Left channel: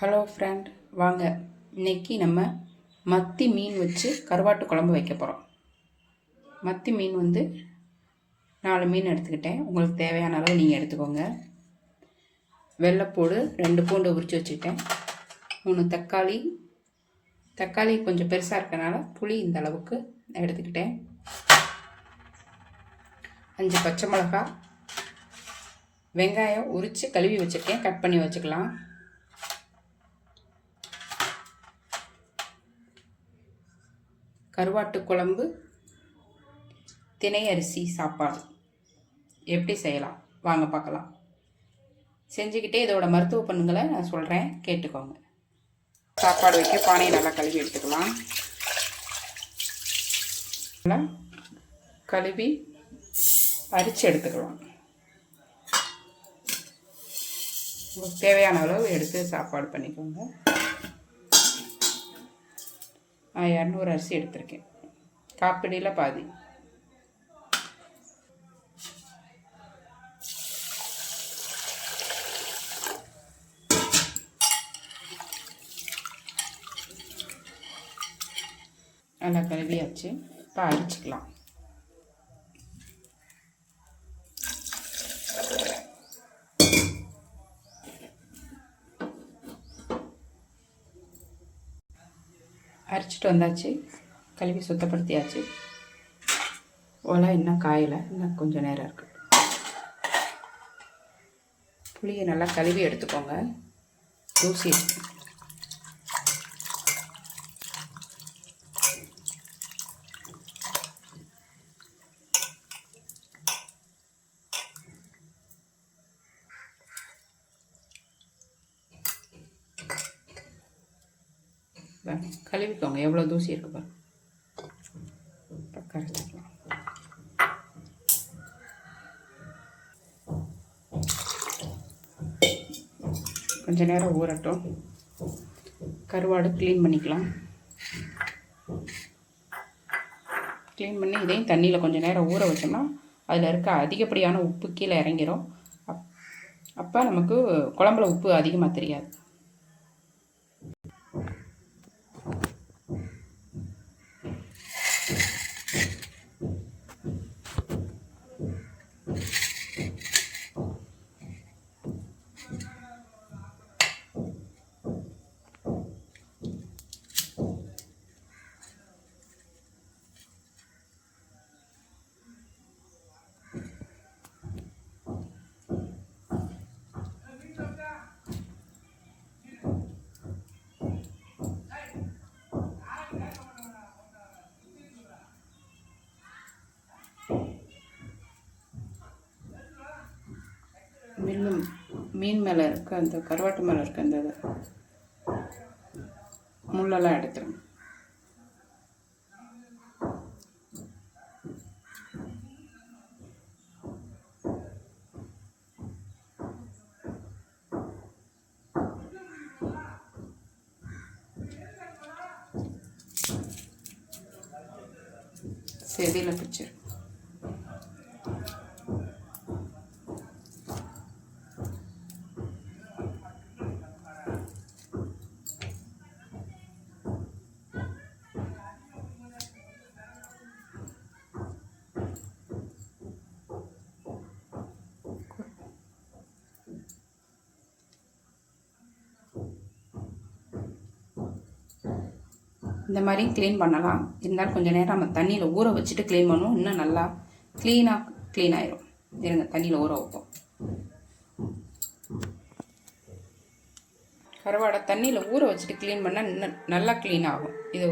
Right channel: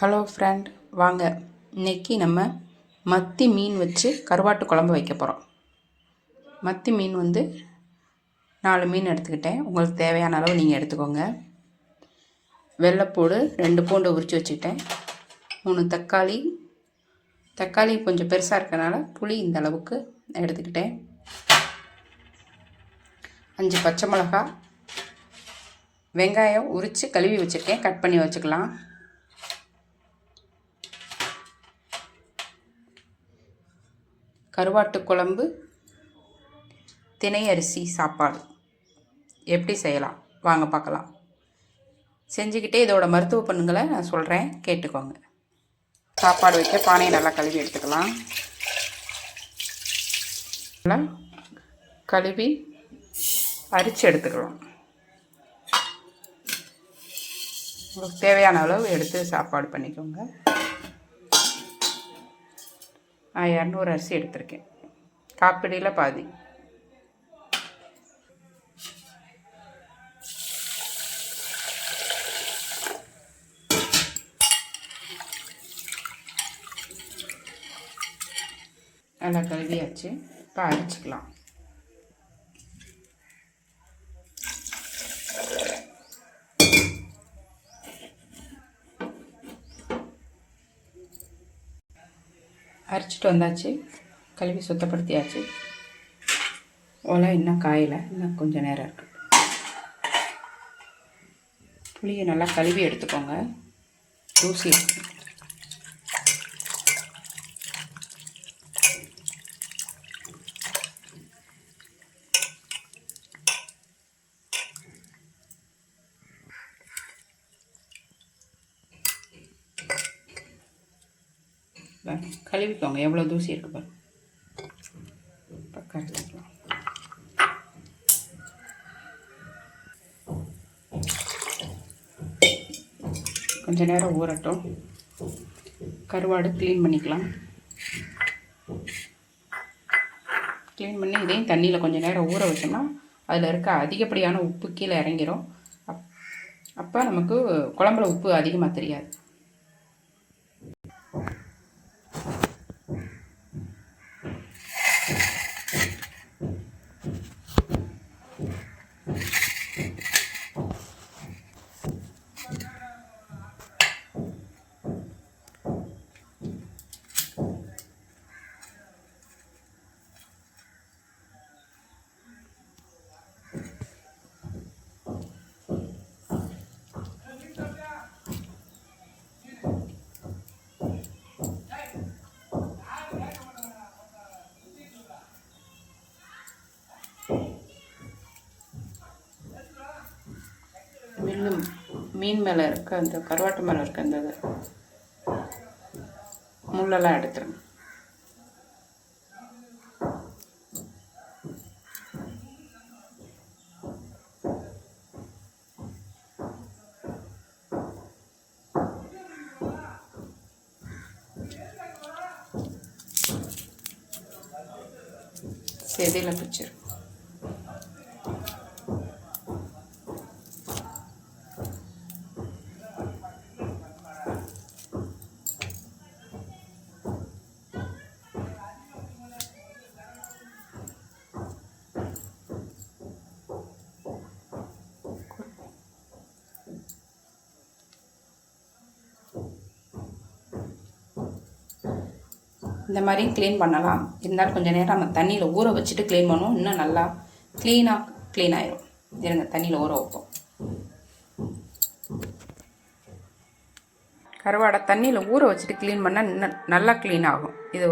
Hello friend, வாங்க இன்றைக்கி நம்ம மத்தி மீன் வச்சு கருவாட்டு குழம்பு வைக்க போகிறோம். மத்தி மீன் 4 மீன் எடுத்துக்கிட்டேன். உங்களுக்கு தேவையான அளவு நீங்கள் எடுத்துக்கோங்க. வெள்ளைப்பூடு 2 பூண்டு உரித்து வச்சுக்கிட்டேன். 3 தக்காளி கொஞ்சம் பெருசாக இருக்கனால புளி இந்த அளவுக்கு எடுத்துக்கிட்டேன். 5 பச்சை மிளகா, வெங்காயம் உரித்து கழுவி வச்சுருக்கேன், கட் பண்ணி வச்சுக்கலாம். கருவாட்டு குழம்பு தினை அரிசி சாப்பாடு எப்படி செய்யலாம் வாங்க பார்க்கலாம். செஞ்சுக்கிட்டே இதோட மருத்துவ பண்புகளை நான் சொல்கிறேன், கேட்டுக்கோங்க. சாப்பாடு வைக்க பானையை நல்லா கழுவி எடுத்துக்கலாம். நல்லா கழுவி அரிச்சு எடுத்துக்கலாம். உங்களுக்கு தேவையான அளவு எடுத்து சாப்பாடு பண்ணிக்கோங்க. நான் 200 அரிசி எடுத்திருக்கேன், காப்பிடியில் பாதி. நல்லா கழுவியாச்சு. இப்போ அரிச்சிக்கலாம். அரைச்சிட்டு வந்தாச்சு, கழுவி சுத்தப்படுத்தியாச்சு. ஒலை இன்னும் காயலை, இன்னும் கொஞ்சம் நேரம் இருக்குது. புளியை நல்லா கழுவி எடுத்துக்கோங்க, தூசி. கழுவிக்கோங்க, எவ்வளோ தூசி இருக்குது பாருங்க. இப்போ கரைச்சிக்கலாம். கொஞ்ச நேரம் ஊறட்டும். கருவாடு க்ளீன் பண்ணிக்கலாம். க்ளீன் பண்ணி இதையும் தண்ணியில் கொஞ்சம் நேரம் ஊற வச்சோம்னா அதில் இருக்க அதிகப்படியான உப்பு கீழே இறங்கிடும். அப்போ நமக்கு குழம்புல உப்பு அதிகமாக தெரியாது. மீன் மேலே இருக்க அந்த கருவாட்டு மேலே இருக்க அந்த முள்ளெல்லாம் எடுத்துருங்க. செதியில் பிடிச்சிரும். இந்த மாதிரி க்ளீன் பண்ணலாம். இருந்தாலும் கொஞ்சம் நேரம் நம்ம தண்ணியில் ஊற வச்சுட்டு க்ளீன் பண்ணுவோம், இன்னும் நல்லா க்ளீன் ஆயிரும். இருங்க, தண்ணியில் ஊற வைப்போம். கருவாடை தண்ணியில் ஊற வச்சுட்டு க்ளீன் பண்ணால் இன்னும் நல்லா க்ளீன் ஆகும். இது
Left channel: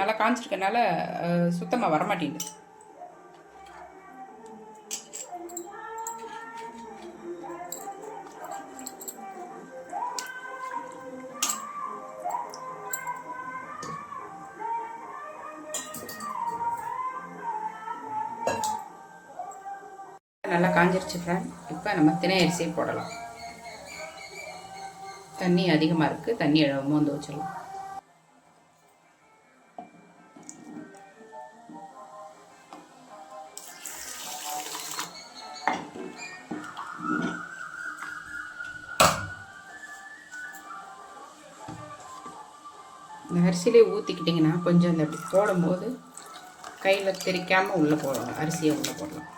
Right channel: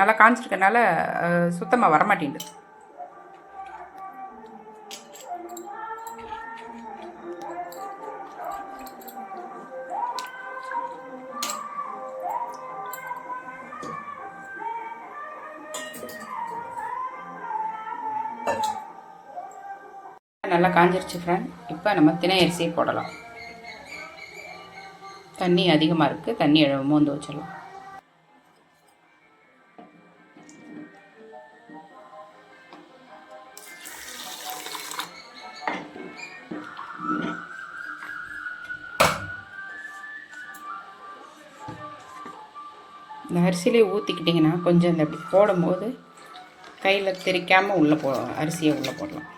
நல்லா காஞ்சிருக்கனால சுத்தமாக வரமாட்டேங்குது. நல்லா காஞ்சிருச்சு ஃப்ரெண்ட். இப்போ நம்ம தினை அரிசி போடலாம். தண்ணி அதிகமாக இருக்குது, தண்ணி மோந்து வச்சிடலாம். இந்த அரிசியிலே ஊற்றிக்கிட்டிங்கன்னா கொஞ்சம் இந்த இப்படி போடும்போது கையில் தெரிக்காமல் உள்ளே அரிசியை உள்ளே போடலாம்.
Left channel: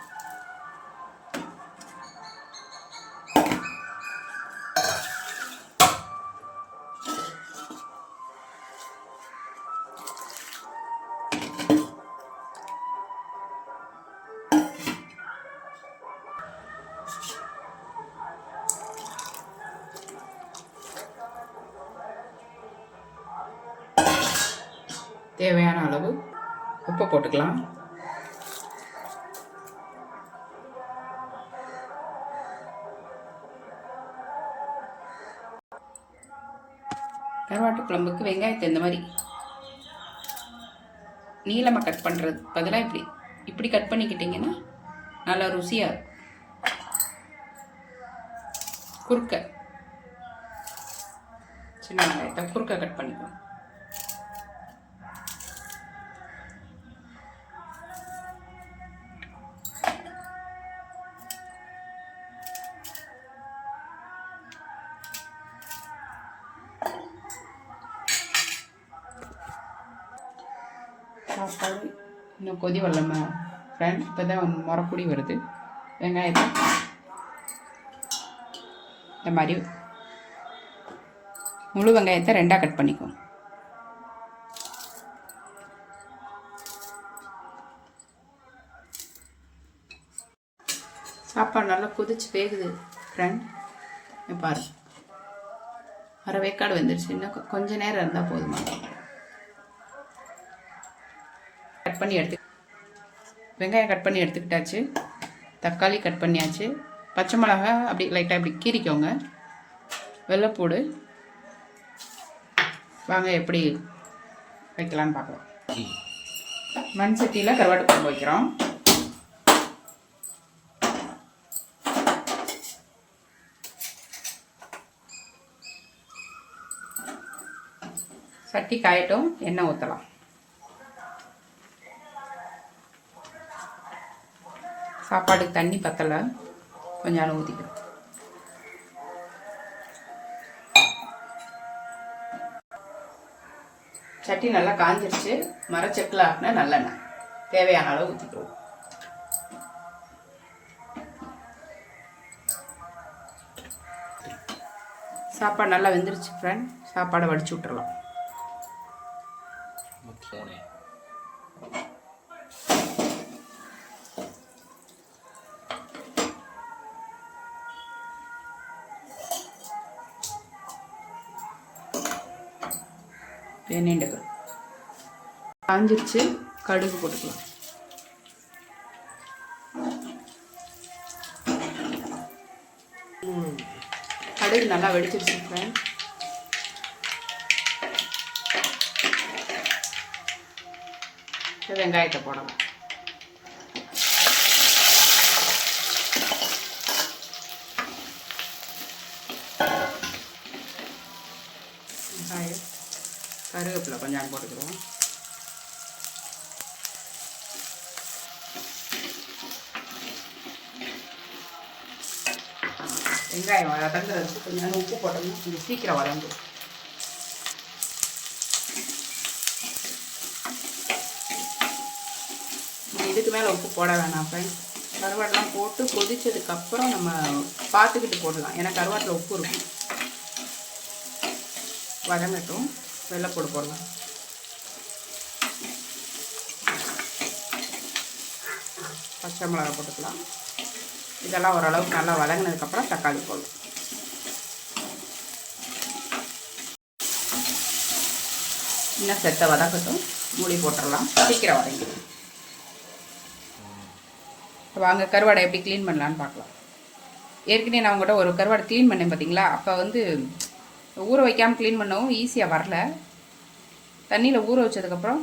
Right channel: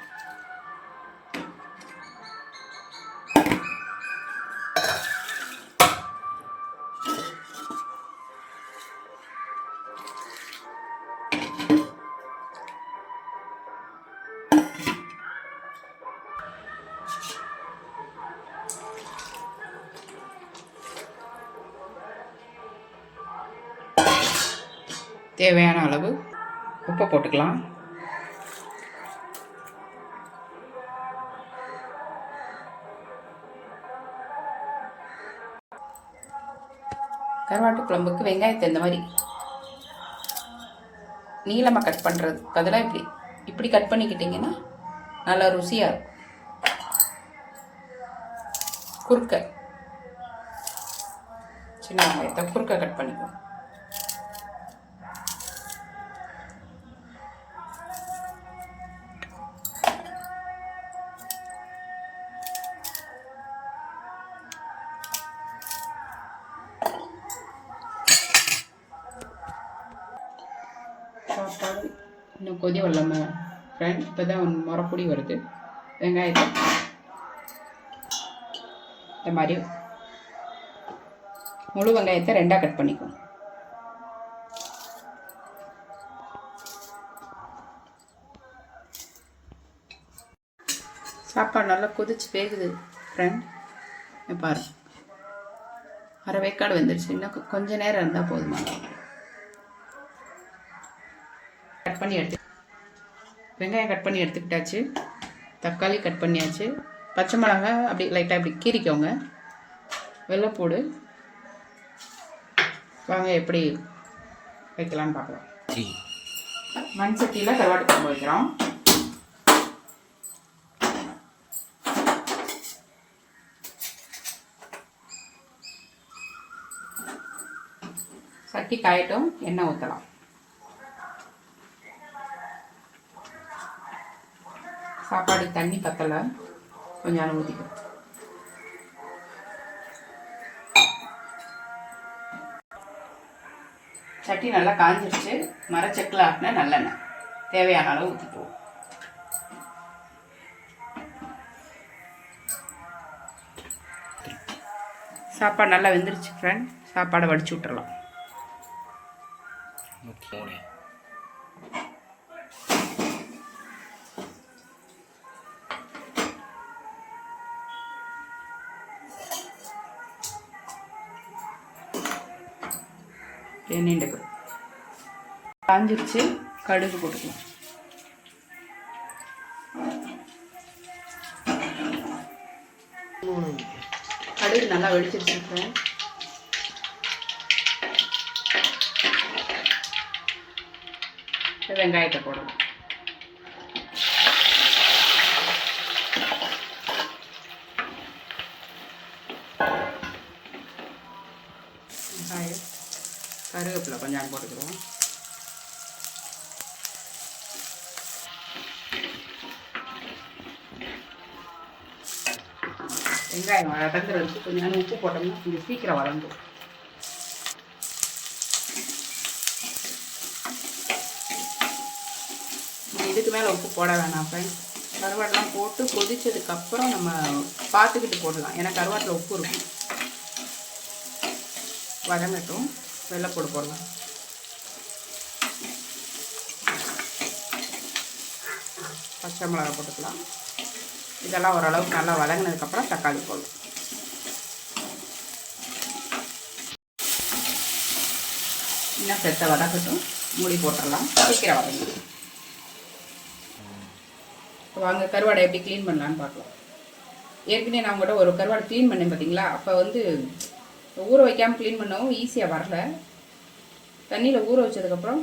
தேவையான அளவு உப்பு போட்டுக்கலாம். கருவாட்டு குழம்புக்கு வெங்காயத்தை இந்த மாதிரி நீளமாக கட் பண்ணுறது பதிலாக இப்படி கட் பண்ணிக்கிட்டிங்கன்னா நல்லா ருசியாக இருக்கும். குறுக்க சின்ன வெங்காயத்தை குறுக்க கட் பண்ணிக்குவோம். சாப்பாடு இன்னும் கொதி வரலாமா ஃப்ரெண்ட்? இப்போ தான் முறப்பொடி வருது. வெங்காயத்தை இந்த மாதிரி முழு வெங்காயத்தை 2ஆக கட் பண்ணிக்குவோம். சாப்பாடு நல்லா கொதிச்சு வேகுது ஃப்ரெண்ட். பாருங்க, அரை வேக்காடு வந்துடுச்சு. இன்னும் கொஞ்சம் நேரம் இருந்தால் போதுமா. கட் பண்ணி வெங்காயம் கட் பண்ணி எடுத்துக்கிட்டாச்சு. தக்காளி கட் பண்ணியாச்சு. பச்சை மிளகா அப்படி லைட்டாக அப்படி கீறிக்கோங்க. வெள்ளைப்பூடு. வாங்க எப்படி வைக்கலான்னு பார்க்கலாம். மண் சட்டியில் கருவாட்டு குழம்பு வைக்கிறோம். சட்டி காயட்டும், எண்ணெய் ஊற்றலாம். சாப்பாடு தண்ணி பத்தலை, கொஞ்சம் ஊற்றிக்கும். சட்டி நல்லா காஞ்சிருச்சு. மரச்செக்கில் ஆட்டினா நல்லெண்ணெய் தேவையான அளவு ஊற்றிக்குவோம். சாப்பாடு நல்லா வெந்துருச்சு ஃப்ரெண்ட். சாப்பாடை வடிச்சு விட்டுறலாம். எண்ணெய் காஞ்சிருச்சு. கடுகு போட்டுக்கலாம். கடுகு நல்லா வெடிச்சிருச்சு ஃப்ரெண்ட். வெங்காயத்தை போடலாம். வெங்காயம் கருவேப்பிலை கொஞ்சம் போட்டுக்கிறோம். வெங்காயம் வதங்குறதுக்கு கொஞ்சம் உப்பு போட்டோம்னா கொஞ்சம் சீக்கிரம் வதங்கும். இதுக்கு மேலே உப்பு போட வேணாம் ஃப்ரெண்ட்ஸ். கருவாட்டெலாம் போட்டு கொதிச்சதுக்கப்புறம் நம்ம பார்த்துக்கிட்டு போடலாம். ஏன்னா கருவாட்டில் உப்பு இருக்கும். வதங்கட்டும். வெள்ளைப்பூடு போடலாம். பச்சை மிளகா போட்டுக்கலாம். இதெல்லாம் ஓரளவுக்கு நல்லா வதங்கினதுக்கப்புறம் தக்காளி போடலாம். இன்னும் செத்த வதக்கட்டும். மூடி போட்டுடலாம். சீக்கிரம் வதங்கிடும். வாங்க கருவாடை எப்படி க்ளீன் பண்ணலான்னு பார்க்கலாம். ஏற்கனவே நான் கூட ஒரு கருவாடை க்ளீன் பண்ணேன் பார்த்தீங்களா. அப்போ ஊற வைக்காமல் க்ளீன் பண்ணவும் ஈஸியாக வரல. தண்ணியில் ஊற வச்சதுக்கப்புறம்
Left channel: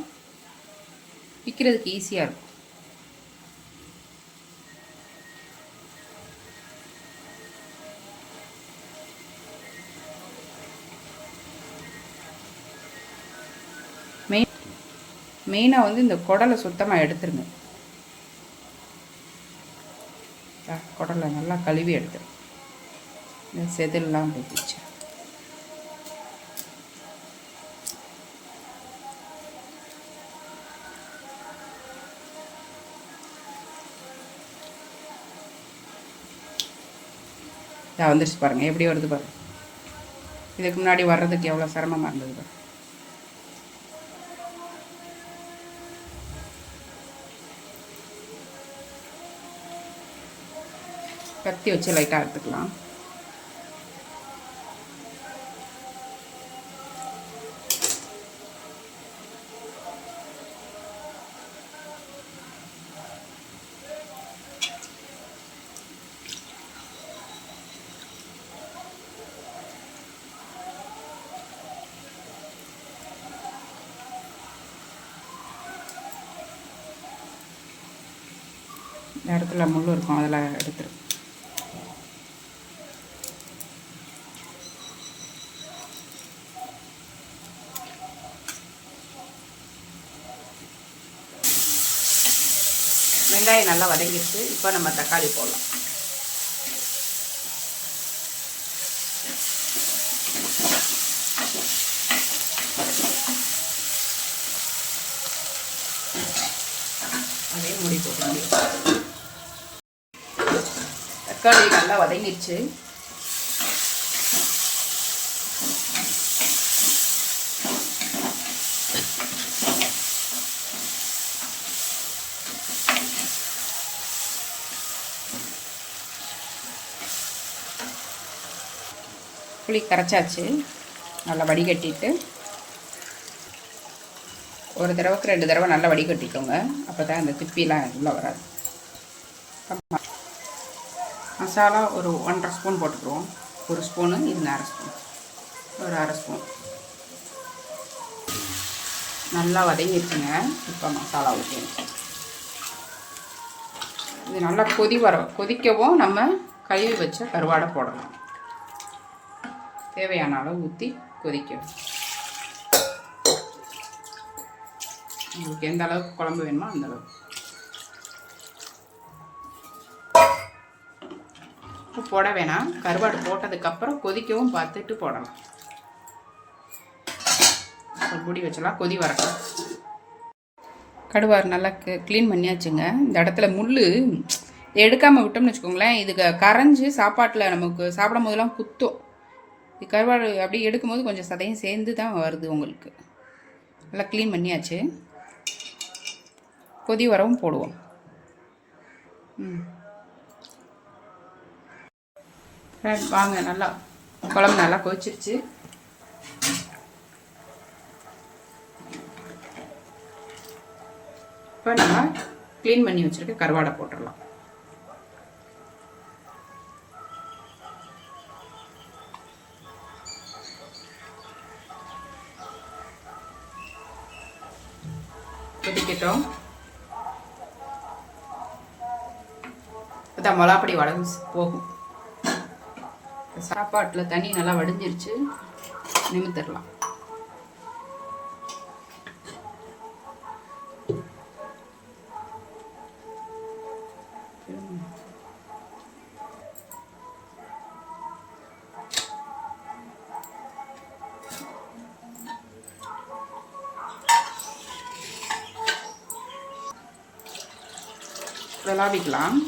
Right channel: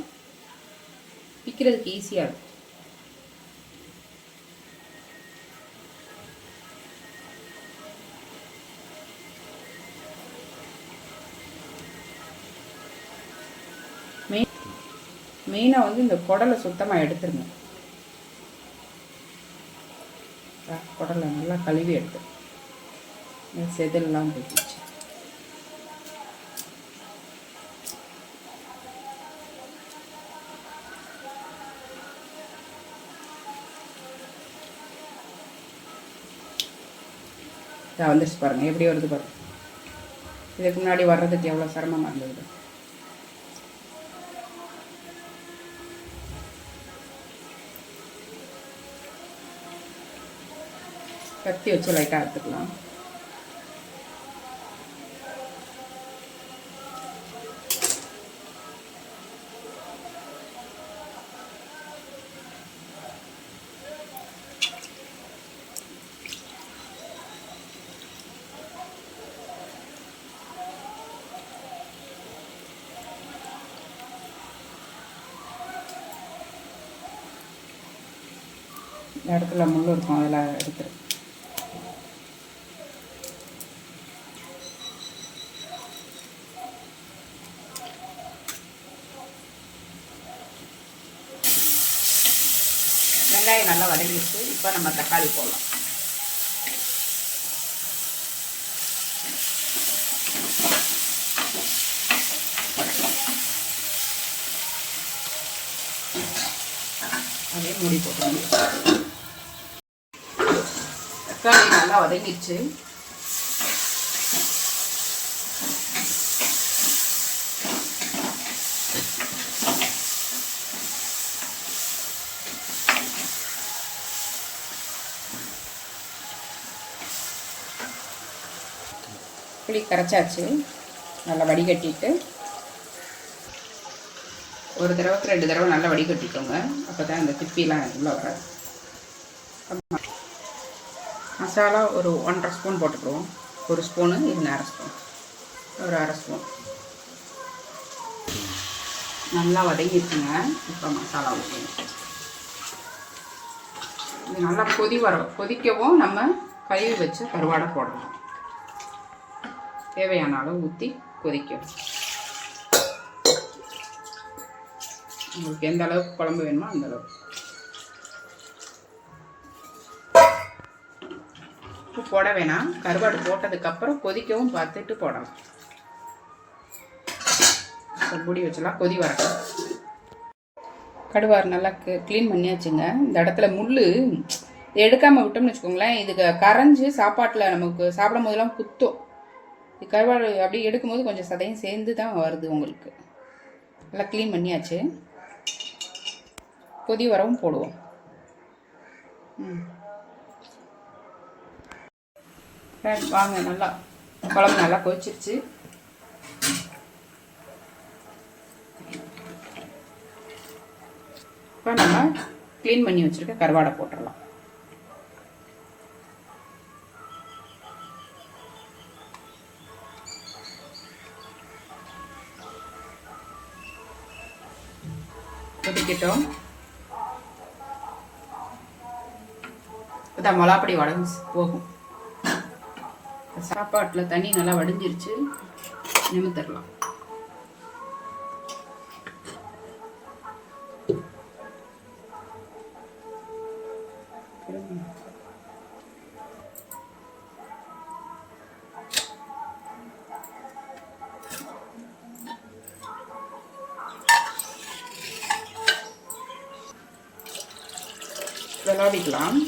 விற்கிறதுக்கு ஈஸியாக இருக்கும். மெயினாக இந்த குடலை சுத்தமாக எடுத்துருங்க. குடலை நல்லா கழுவி எடுத்து இந்த செதிலெலாம் போட்டுச்சு. வந்துருச்சு பாருங்கள், எப்படி வருது பாருங்கள். இதுக்கு முன்னாடி வர்றதுக்கு எவ்வளோ சிரமமாக இருந்தது. கத்தி வச்சு லைட்டாக எடுத்துக்கலாம். இந்த இடத்துல முள் இருக்கும், அதில் எடுத்துரு. வெங்காயம் நல்லா வதங்கிடுச்சு. இப்போ நம்ம தக்காளி போடலாம். அதே மூடி போட்டு தக்காளி நல்லா வதங்கிடுச்சு. புளி கரைச்சாச்சு. நல்லா வடிகட்டிட்டு ஒரு தடவைக்கு 2 தடவை நல்லா வடிகட்டிக்கோங்க. அப்போ தான் அந்த திப்பிலாம் உள்ளே வராது. மசாலா ஒரு 1.5 ஸ்பூன் போட்டுக்குவோம். 1 ஸ்பூனு, இது 1/2 ஸ்பூன், ஒரு 1/2 ஸ்பூன். நல்லா வதங்கிடுச்சுங்க. இப்போ மசாலா ஊற்றணும். இது நல்லா கொதிக்கவும் நம்ம கழுவி வச்ச கருவாடை போடலாம். தேவையான அளவு ஊற்றி கொதிக்கணும். உங்களுக்கு எந்த அளவுக்கு குழம்பு வேணுமோ அந்த அளவுக்கு. உப்பு போட வேணாம். கருவாடு போட்டதுக்கப்புறம் கொதிக்கவும் பார்த்துட்டு போடலாம். மூடி வச்சலாம், கொதி வரட்டும். கடுவார் நல்லா க்ளீன் பண்ணியாச்சுங்க. இந்த இடத்துல முள் எடுக்காமல் விட்டோம்னு வச்சுக்கோங்களேன், இதுக்கு கரைஞ்சி சாப்பாட்டில் நமக்கு சாப்பிடும் போதெல்லாம் குத்தும். இது கருவாடு அப்படியே எடுக்கும்போது கொஞ்சம் சதையும் சேர்ந்து தான் வருது உங்களுக்கு. நல்லா க்ளீன் பண்ணியாச்சு. கொதி வரவும் போடுவோம். வாங்க, நல்லா குழம்பு நல்லா கொதிச்சிருச்சு. இப்போ நம்ம க்ளீன் பண்ணி வச்சுருக்க கருவாடை போட்டுடலாம். கொதிக்கட்டும். அதான் மிளகாப்பொடி வடகு போகும். சாப்பாட்டில் தண்ணி நல்லா வடிஞ்சிருச்சு. நிமிர்த்திடலாம். விளாவிக்கலாம்.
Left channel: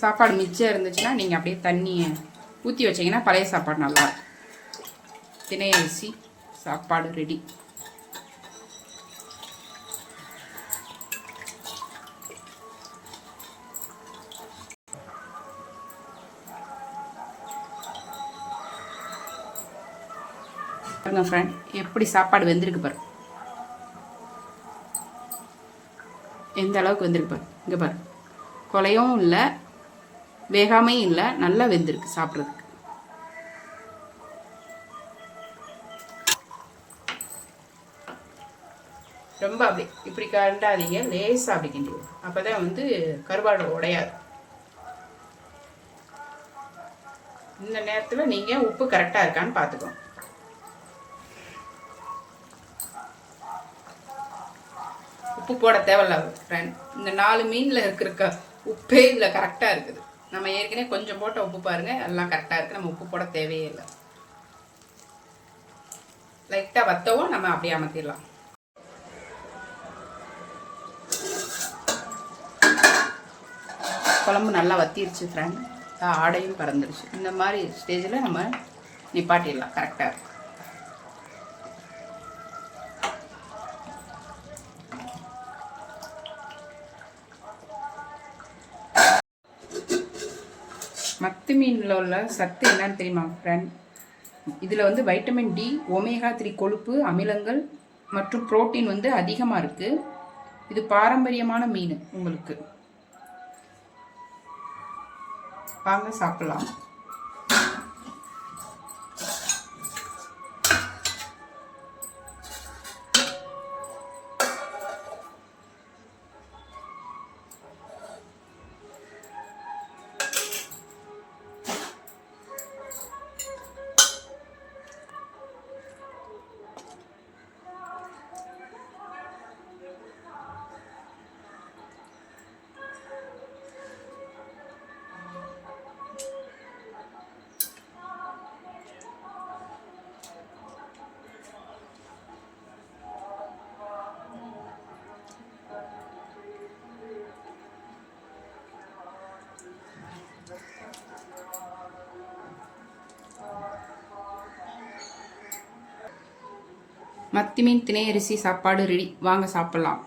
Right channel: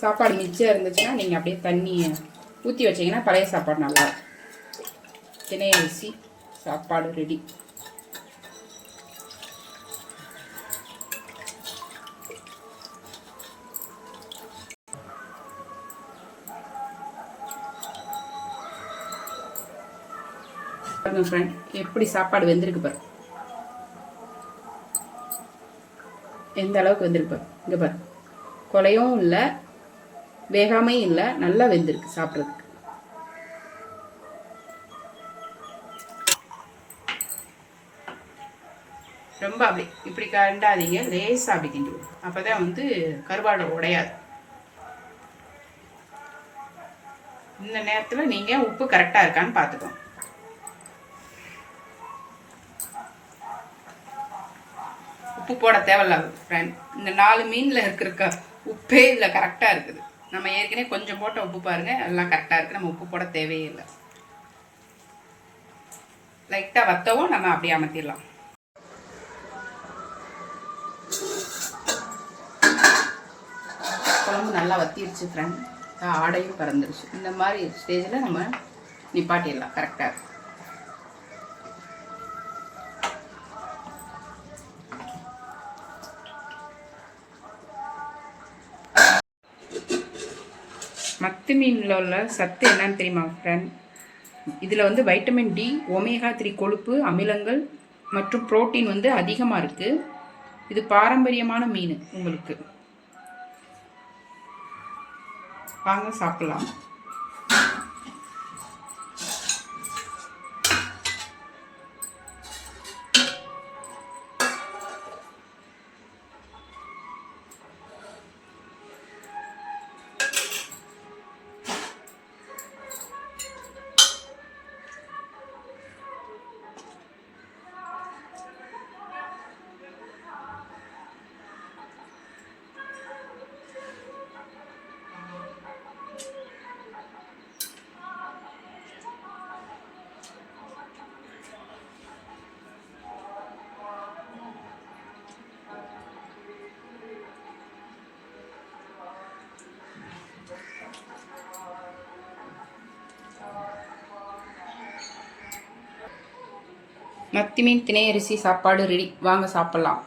சாப்பாடு மிச்சம் இருந்துச்சுன்னா நீங்கள் அப்படியே தண்ணியை ஊற்றி வச்சிங்கன்னா பழைய சாப்பாடு நல்லா இருக்கும். தினை அரிசி சாப்பாடு ரெடி. பாருங்க ஃப்ரெண்ட், எப்படி சாப்பாடு வெந்திருக்கு பாரு. எந்த அளவுக்கு வெந்திருக்கு பாரு. இங்கே பாரு, கொலையும் இல்லை, வேகாமையும் இல்லை, நல்லா வெந்திருக்கு சாப்பிட்றதுக்கு. ரொம்ப அப்படி இப்படி கண்டாதீங்க, லேசாக அப்படி கிண்டுவோம். அப்போ தான் வந்து கருவாடு உடையாது. இந்த நேரத்தில் நீங்கள் உப்பு கரெக்டாக இருக்கான்னு பார்த்துக்கோங்க. உப்பு போட தேவையில்ல ஃப்ரெண்ட். இந்த 4 மீனில் இருக்கிற உப்பே இதில் கரெக்டாக இருக்குது. நம்ம ஏற்கனவே கொஞ்சம் போட்ட உப்பு பாருங்கள், எல்லாம் கரெக்டாக இருக்குது. நம்ம உப்பு போட தேவையே இல்லை. லைட்டாக வத்தவும் நம்ம அப்படியே அமர்த்திடலாம். குழம்பு நல்லா வத்திடுச்சு ஃப்ரெண்ட். ஆடையும் பறந்துருச்சு. இந்த மாதிரி ஸ்டேஜில் நம்ம நிப்பாட்டிடலாம். கரெக்டாக இருக்கும். மத்தி மீனில் உள்ள சத்து என்னன்னு தெரியுமா ஃப்ரெண்ட்? இதில் வந்து வைட்டமின் டி, ஒமேகா 3 கொழுப்பு அமிலங்கள் மற்றும் புரோட்டீன் வந்து அதிகமாக இருக்குது. இது பாரம்பரியமான மீன். உங்களுக்கு வாங்க சாப்பிடலாம். மத்தி மீன் திணை அரிசி சாப்பாடு ரெடி. வாங்க சாப்பிட்லாம்.